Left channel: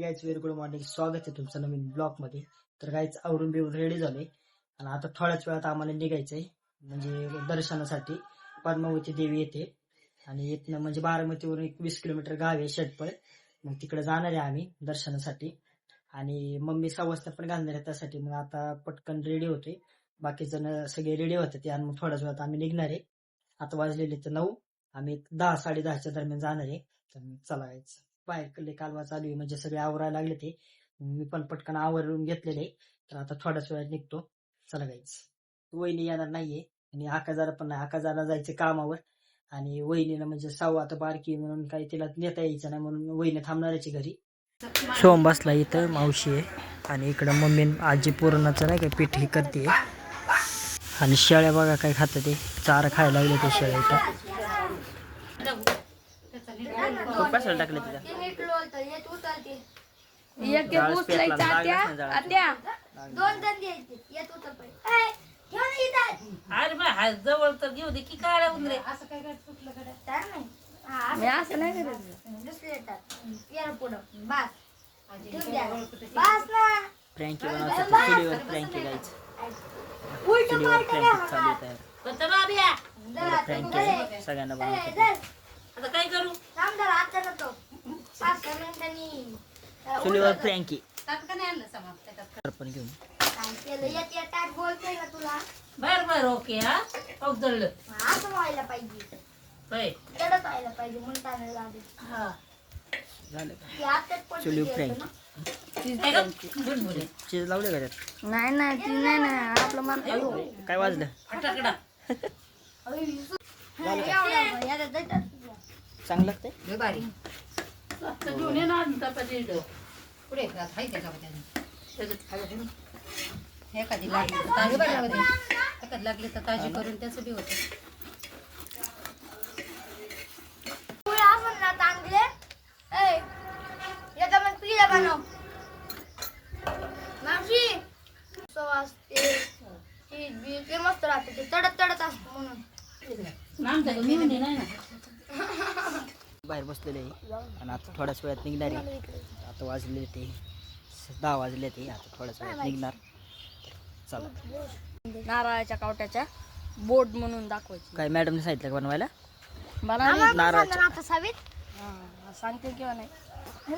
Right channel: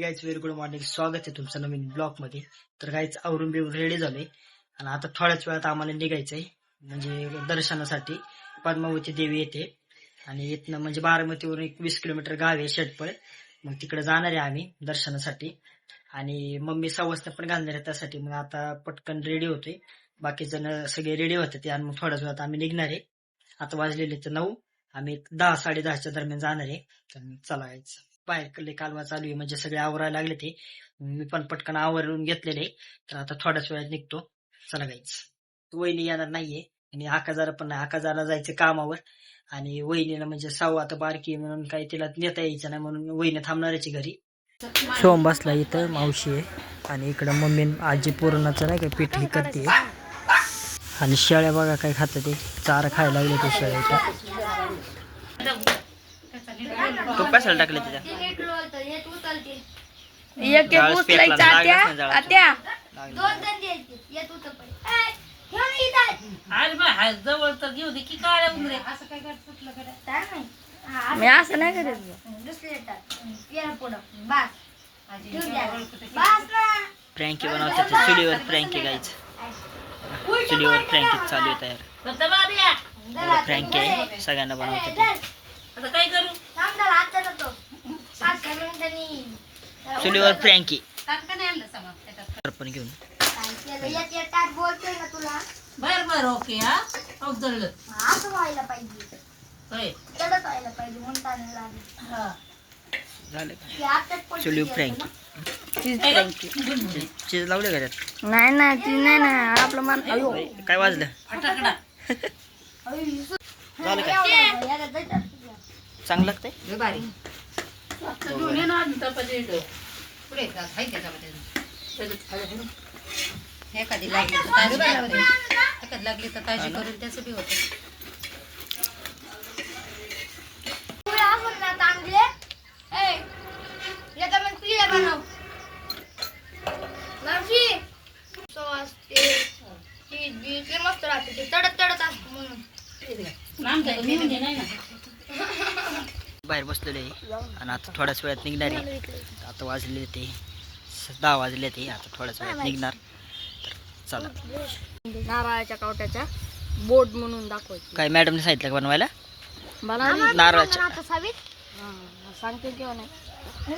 Guys very good morning. स्वागत आहे तुमचं नवीन ब्लॉग मध्ये. तर गाईज आवरून बिवरून रेडी झालोय आणि आता थोड्याच वेळात आम्हाला निघायचंय म्हणजे दर्शनासाठी. पद्मावती देवी येते आणि इथनं म्हणजे बारामतीवरून 21 किलोमीटर गाव आहे शेटपळ. मग तिकडे जाणार आहे आम्ही दर्शनासाठी आणि मम्मी सवस्न पण घालणार आहे त्यासाठी. मग आता पटकन रेडी होतोय, बाकी जण सगळे रेडी होते ते आणि मग थोड्याच वेळात आम्ही निघणार आहे. आता वाजलेले तर 9, आम्ही 10 10:30च्या दरम्यान जाणार आहे. तर चला गाईज. बाहेर कालवा चालू आहे म्हणजे सगळे आवरायला लागले ते. मी पण पटकन आवरून घेतलेले. तर आता थोड्याच वेळात निघतो. चला गाईच. वहिनी येणार नाहीये आणि आकाजाला पण नाही. आकाजाला जायचं कामावर आणि वहिनीला म्हणजे साऊ आता बारकी म्हणून काही तिला नेता यायचं नाही म्हणून वहिनी थांबणारची घरी. सोम बसला इथं, मावशी आहे आणि इकडं मम्मी आजी पुरणाचं नाही का पीठ ही करते आणि शेळ्या बघा काय खात ते चारा खायला लागले ते शेळ्या इथं. तो कशाला टाकले तिच्या जवळ तर घेऊ दे की काळ्या उंदरे असं काय मी असं नाही करत. फ्रँकी बनवतात चुलीवर. फ्रँकी गायच चुलीवर फ्रँकी चालू आहे तयार. फ्रँकी आहे सगळ्यांना बनवतात. आता काय करू चुलीवर फ्रँकी पण घेऊन बर बर ओके. हा अवजडलं झालं का चुलीवर फ्रँकी. चीज लावले का त्यात? नाही नाही ती नाही ना आपलं मन काय वाजलं? झालं का चांगलं लागतंय. एखादी लागली तर ताजी करून त्याचं बी होत. मस्त राहते ते तडत तडत असत म्हणून बाहेर बसलेले आणि आता थोड्याच वेळात निघणार आहे. आता वाजले ते 10 वाजले ते. आता थोड्याच वेळात निघणार. तर चला. नारळाच्या कावट्याच्या बोर्ड म्हणून दाखवायचं. काय मॅडमने सांगितलं का बनवायला? नारळाच्या सांगते किंवा नाही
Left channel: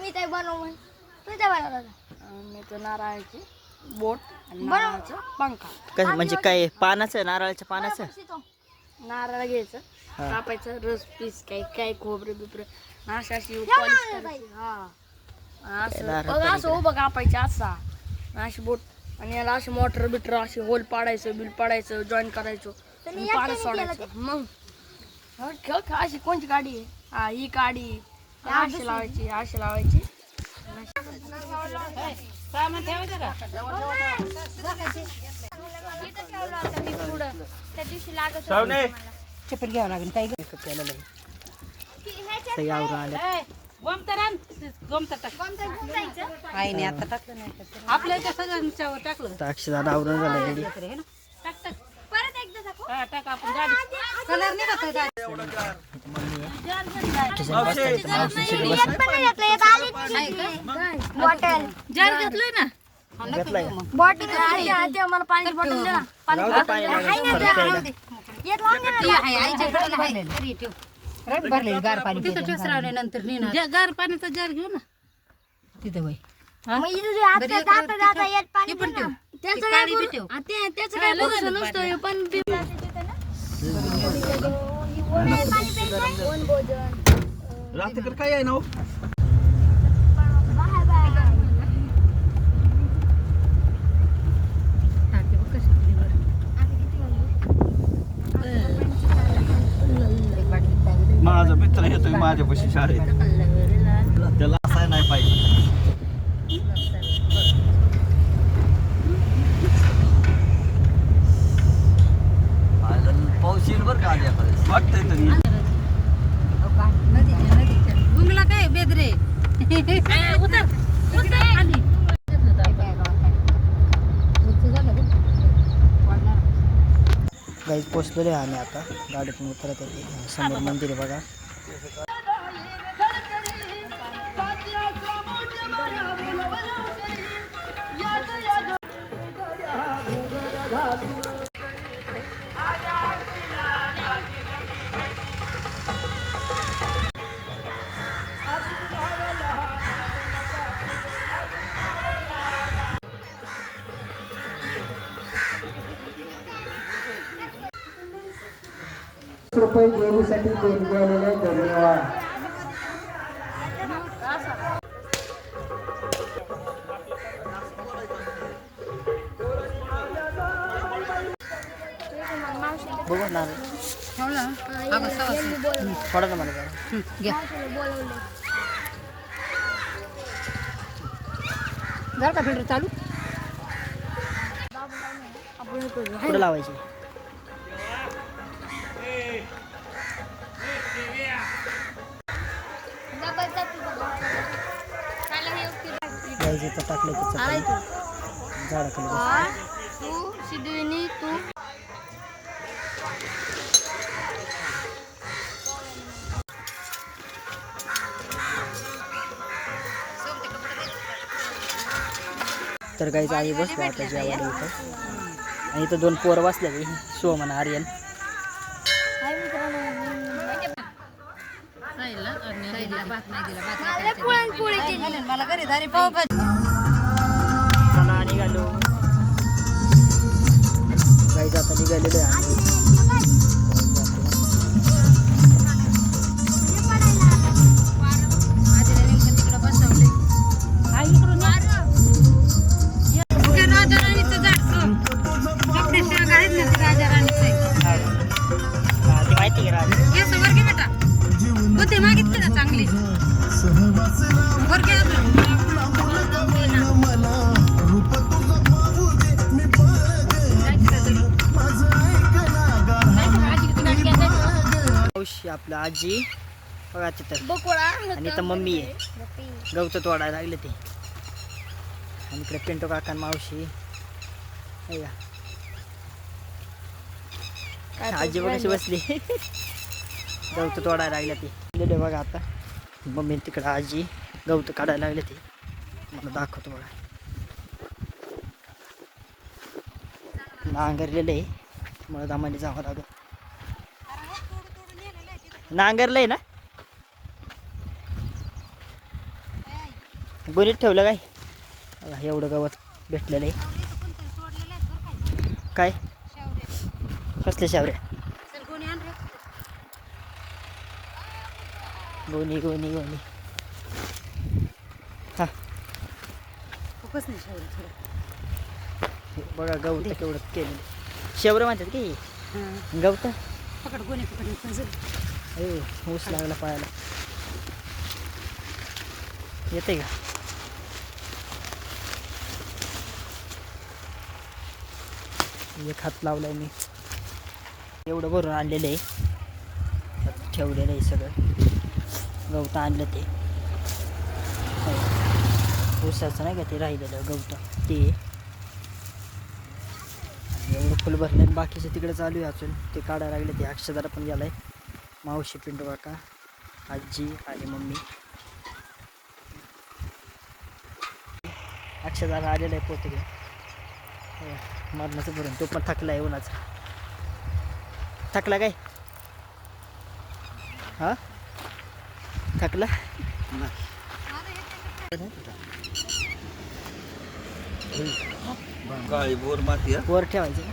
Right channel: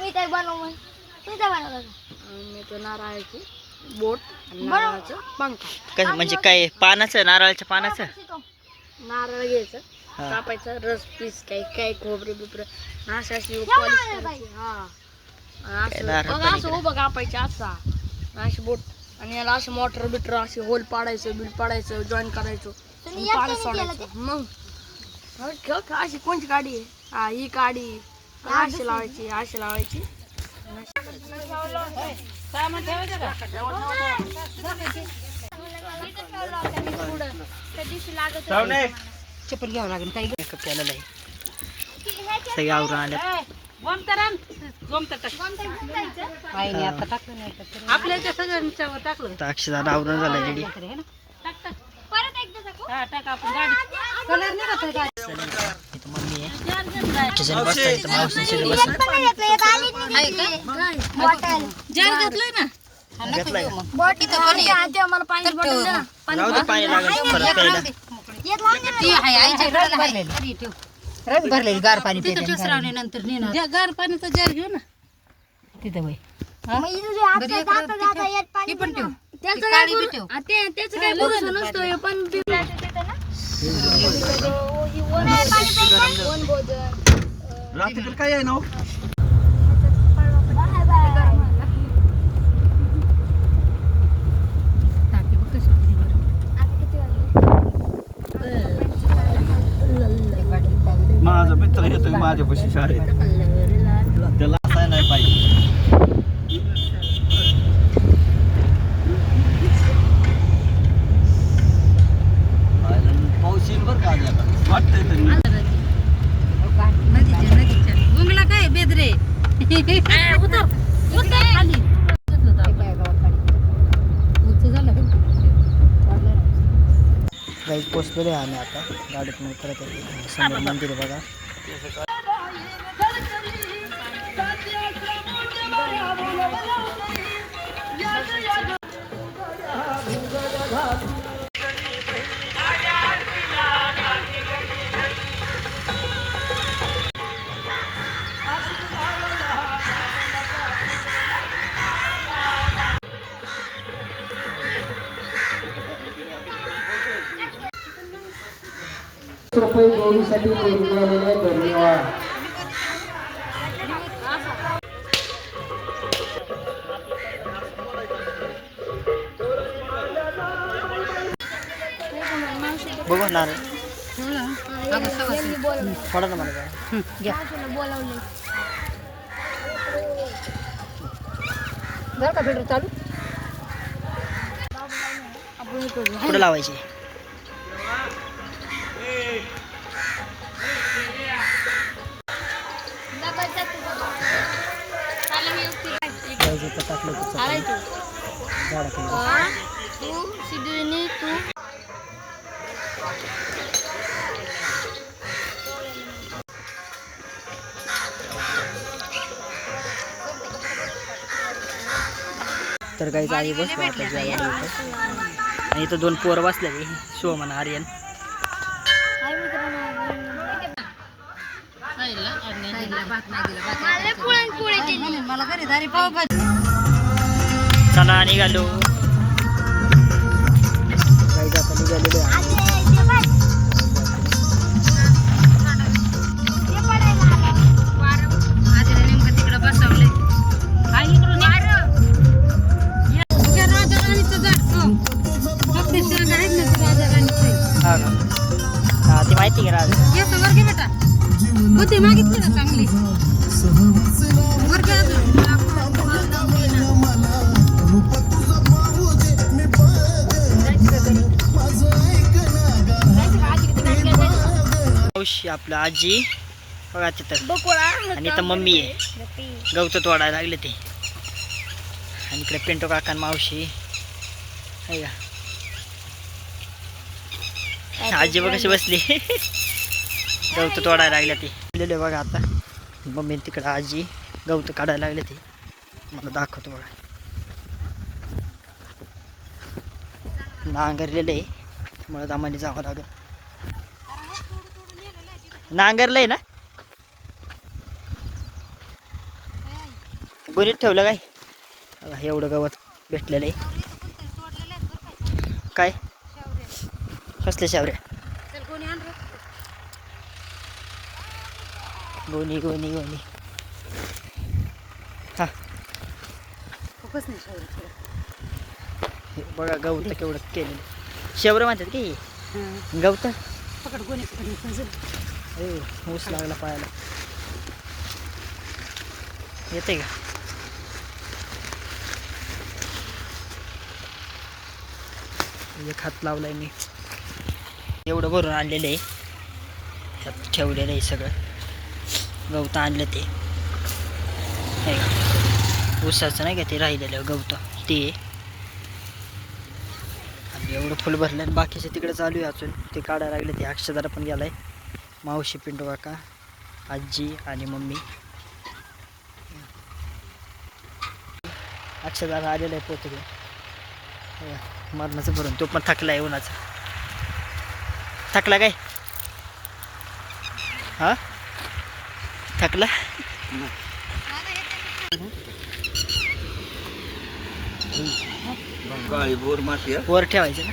मी काय बनव म्हण तुम्ही काय बनवलं का? मी तो नारळाची बोट नारळाचं पंखा. म्हणजे काय पानाचं, नारळाच्या पानाचं? नारळ घ्यायचं, कापायचं, रस पीस काय काय खोबरं बिबरं अशी पॉलिश करायची. असं उभं कापायचं असा अशी बोट आणि याला असे मोटर बिटर असे होल पाडायचं, बिल पाडायचं, जॉईन करायचं, पाण्यात सोडायचं. मग अशी कोणची गाडी आहे? हा ही गाडी अशी लावायची, अशी लावायची. सामान ठेवायचं का? चप्पल घ्यावं लागेल. काही मेकअप केलेला आहे. सगळे आवरून आले. आईने आता टाकलं नाही आपल्या त्या सगळ्यांच्यावर टाकलं. अक्षरशः आवरून झालं रेडी. टाक आपण गाडी कलर नाही का इथं मम्मी आहे. किचन बसता इथं मावशी सगळे बसतात. जार घेतलंय ना. घेतलाय का? बॉटल आम्हाला पाणी बॉटल दे ना. राहू दे, पाणी लागेल परत प्यायला. भरलेली गार पाणी नंतर गार पाण्याचा जार घेऊ ना तिथं बाई. पण ठेव त्याचं काय भरोसा नसतो पण काय आहे ना माझा मित्र येतोय माझ्यापाशी शाळेत. त्याला असाय नाही पाहिजे. पाऊस येईल बरं का आज एखादा वाटतंय तरी. नदीच्या गुंगला काय बेदरे उतर उतर खाली गाईज पोचलेले आहे आम्ही आता. गाडीतून उतरत आहे. समोर मंदिर आहे बघा. रुपये देवीसाठी देणगी आलेले धन्यवाद. बघू नारळ हो ना अगं सवासणी. थोडा ना मला जरा. घ्या जर का भेटू चालू कुठं लावायची जायचं तर टाकलं की चपाती झाडाखाली बस. तू सिद्धीने तू तर काहीच आई बसलो आता जेवायला इथं आणि इथं 2 पोरं बसलेली शिवम आणि आर्यन. मला घरी दारी पाव चला निघालो काहीच आता निघालेलो आहे आम्ही. तिकडं बसवले राजाराणीचं झाड राजाराणीचं हा का? हा ते माहिती आहे का राज येस वर घे बेटा बुद्धी मागितली ना चांगली वर घे अजून मावशी आपलं आजी बघा तिथं आणि इथं मम्मी आहे गवत तोडायला लागले ते आणि इकडे पिंटो काका आणि मावशी आहे का? आजी बघ कशी बसली गवत तोडायला लागले ते गेले बघा आता मम्मी तिकडे आजी गवत काढायला लागले ते मला दाखवतो बघा नांगरलेलं आहे मला दामाने जावं लागेल नांगरलंय ना गोणीत ठेवलं काय बघा, एवढं गवत भेटलेलं आहे काय कसले शावऱ्या गोणी गोणी गोणी हा हे बघा गवत केवढं केलेलं शेवरं म्हणतात की गवत पकड गोणी पकड पाहिजे ए ऊस लागला पायाला येते का एक हात लावलाय मी एवढं भरून आणलेलं आहे त्यात ठेवलेलं आहे सगळं गवत आणलं ते नाही का ऊसाचं नाही का ते राहिलेलं गवत ते आणि एवढं फुल भरलं आणि बाकीचे तिकडे चालू आहे अजून ते काढायला लागले ते अक्षदाला पण गेलाय मावशी पिंटू काका आजी आणि मम्मी अक्षदाला आलेलं आहे पोते घेऊन मरणाचं भरून तो पण थकला आहे उन्हाचा थकला काय हा थकला वर ठेवायचं ना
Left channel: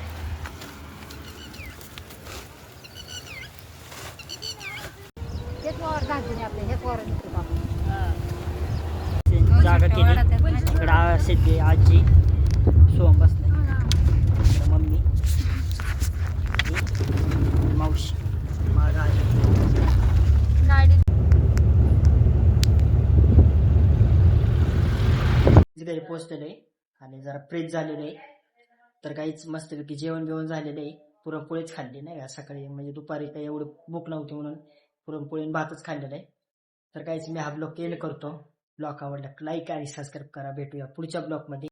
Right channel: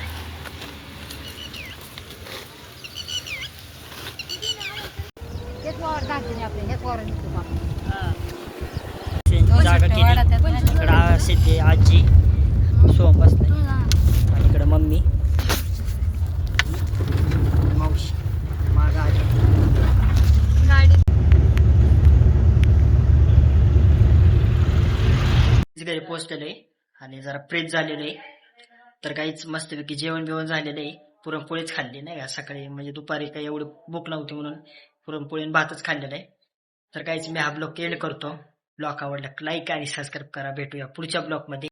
जागा केली इकडं सिद्धी आजी सोम बसलाय आणि इकडं मम्मी मावशी मागं आजी घरी पोचलेलो आहे आणि जरा फ्रेश झालेलो आहे तर काहीच मस्तपैकी जेवण बिवण झालेलं आहे पुरणपोळीच खाल्ली नाही का सकाळी म्हणजे दुपारी काही एवढी भूक नव्हती म्हणून पुरणपोळी आणि भातच खाल्लेला आहे तर काहीच मी हा ब्लॉग एंड करतो ब्लॉग आवडला लाईक आणि सबस्क्राईब करा भेटूया पुढच्या ब्लॉगमध्ये